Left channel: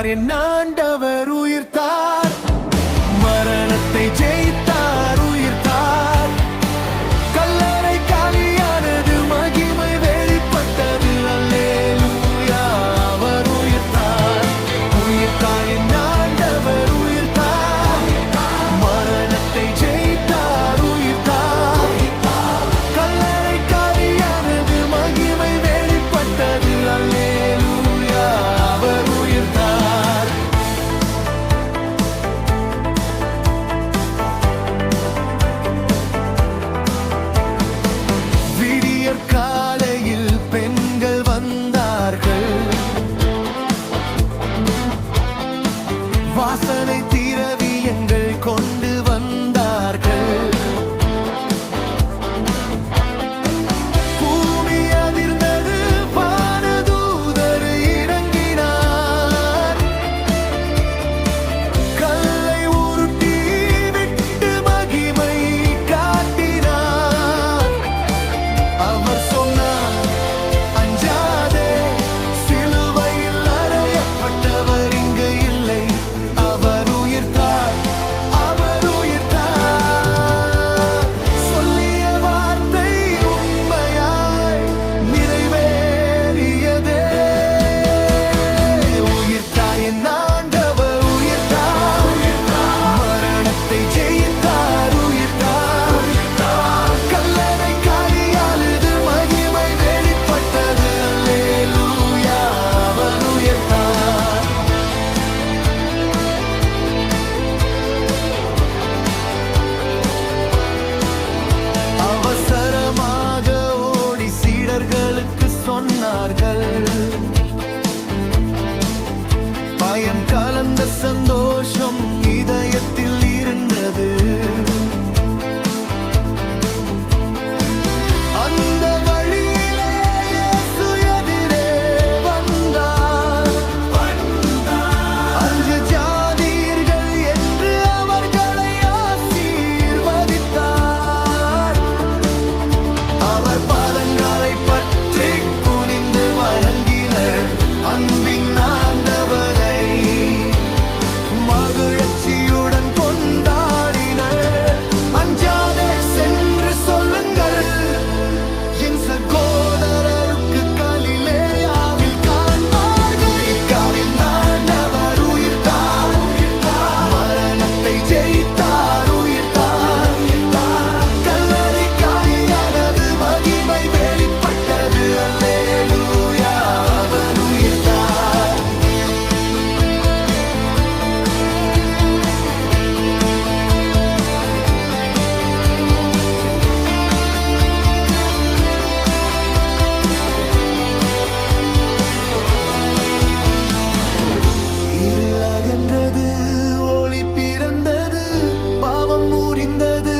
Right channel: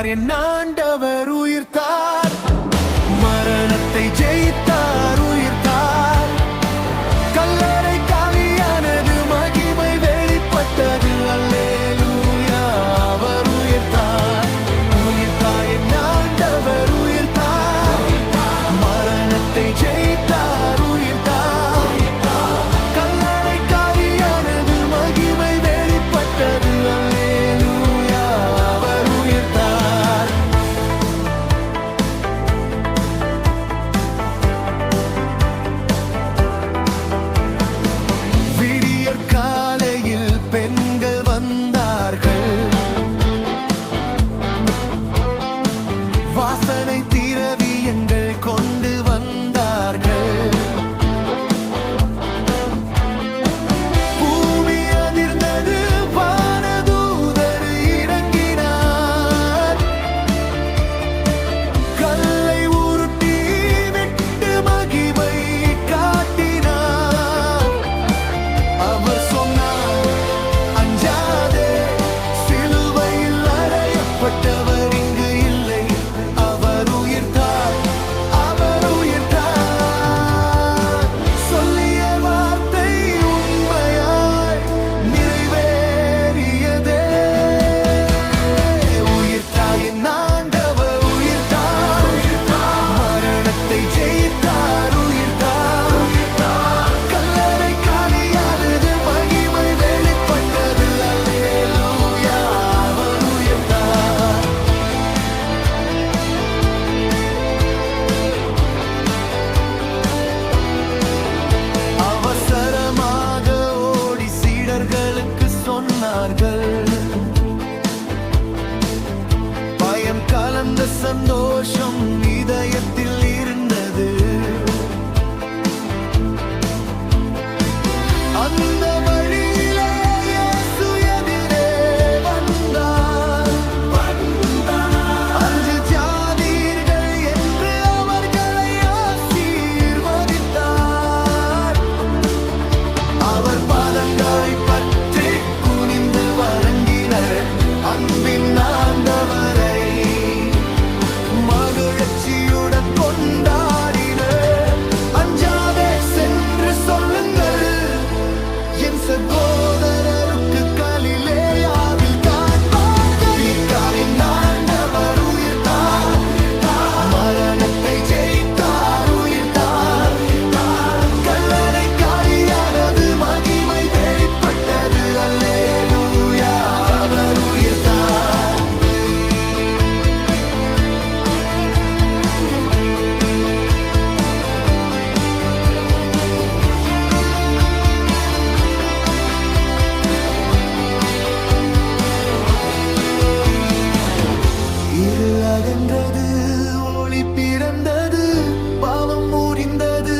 உயிர்த்தார் என் ஆண்டவர் உயிர்த்தார், மரணத்தை ஜெயித்தார் உயிர்த்தார். கல்லறை காலியானது, மகிமை வெளிப்பட்டது. அல்லேலூயா, அவர் உயிர்த்தார். உயிர்த்தார் என் ஆண்டவர் உயிர்த்தார், மரணத்தை ஜெயித்தார் உயிர்த்தார். கல்லறை காலியானது, மகிமை வெளிப்பட்டது. அல்லேலூயா, அவர் உயிர்த்தார். விடியற் காலையில் பெண்கள் வந்தார்கள், வாசனை திரவியங்கள் கொண்டு வந்தார்கள். பூமி அதிர்ந்தது, வானதூதர் இறங்கினார். கல்லை உருட்டி விட்டு மகிமை காட்டினார். அவர் சொன்னார், அஞ்சாதே, சிலுவையில் அறையப்பட்டவர் இங்கு இல்லை. அவர் உயிர்த்தார், அவர் உயிர்த்தார். சொல்லிய வார்த்தை உண்மையாய் நிறைவேறியதே. உயிர்த்தார் என் ஆண்டவர் உயிர்த்தார், மரணத்தை ஜெயித்தார் உயிர்த்தார். கல்லறை காலியானது, மகிமை வெளிப்பட்டது. அல்லேலூயா, அவர் உயிர்த்தார். அவசரமாக ஓடி சீடர்களுக்கு சொன்னார்கள். பயம் கலந்த சந்தோஷம் இதயத்தில் இருந்தது. அந்த வழியிலே இயேசு எதிரே வந்தார். அஞ்சு ஜாதியர்கள் என்று அவர்களை ஆசீர்வதித்தார். அவர் பாதங்களை பற்றி குனிந்து வணங்கினர். அன்பின் ஆண்டவரை மகிழ்ச்சியுடன் கொண்டாடினர். அஞ்சாதே, சென்று சொல்லுங்கள் என் சகோதரருக்கு கலிலேயாவில் காண்பார்கள். என் ஆண்டவர் உயிர்த்தார், மரணத்தை ஜெயித்தார் உயிர்த்தார். கல்லறை காலியானது, மகிமை வெளிப்பட்டது. அல்லேலூயா, அவர் உயிர்த்தார். இருள் அகன்றது, ஒளி பிறந்தது, பாவம் முறிந்தது.